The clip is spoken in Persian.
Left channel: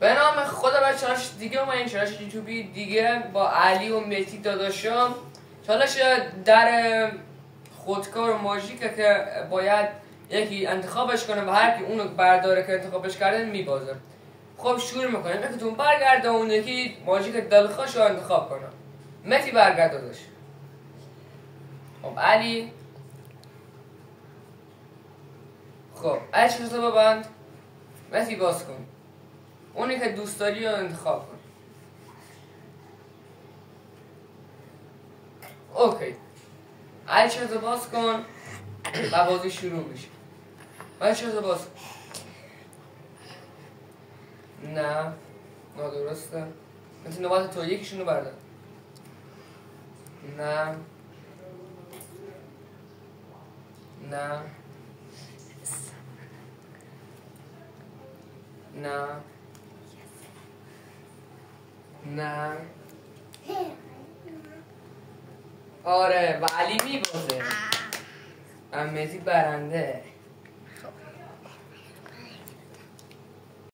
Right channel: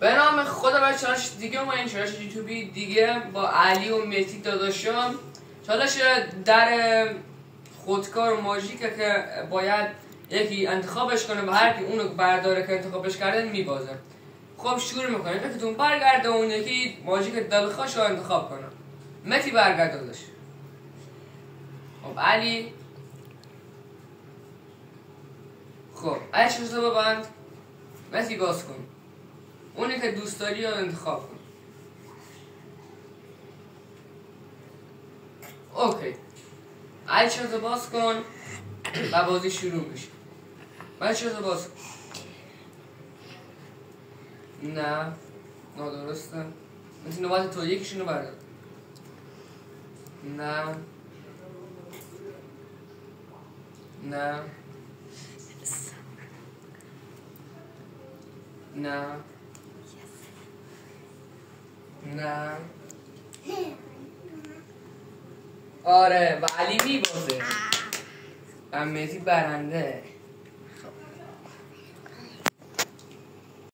به نام خدا برای چالش دیگه اومدیم، چالش یوتیوبی دیگه با علی و مهدی داداشم. چالش در خودکار ماژیکه که باید یکی انتخابش کنه و هر کی اونو برداره که انتخابش کرده میبازه. خب شروع میکنیم. یکیتون برگرده اون یکی ماژیک دلخوش رو انتخاب کنه. مهدی برگرد داداش. خب علی. خب علی چشتو ببند. مهدی باز کن. اونی که دوست داری رو انتخاب کن. اوکی. علی چشتو باز کن و بازی شروع میشه. علی چشتو باز کن. نه نادرسته. مثل نوبت تو یکیشونو بردار. نه نه نه نه آره و علی میبازه و مهدی برنده.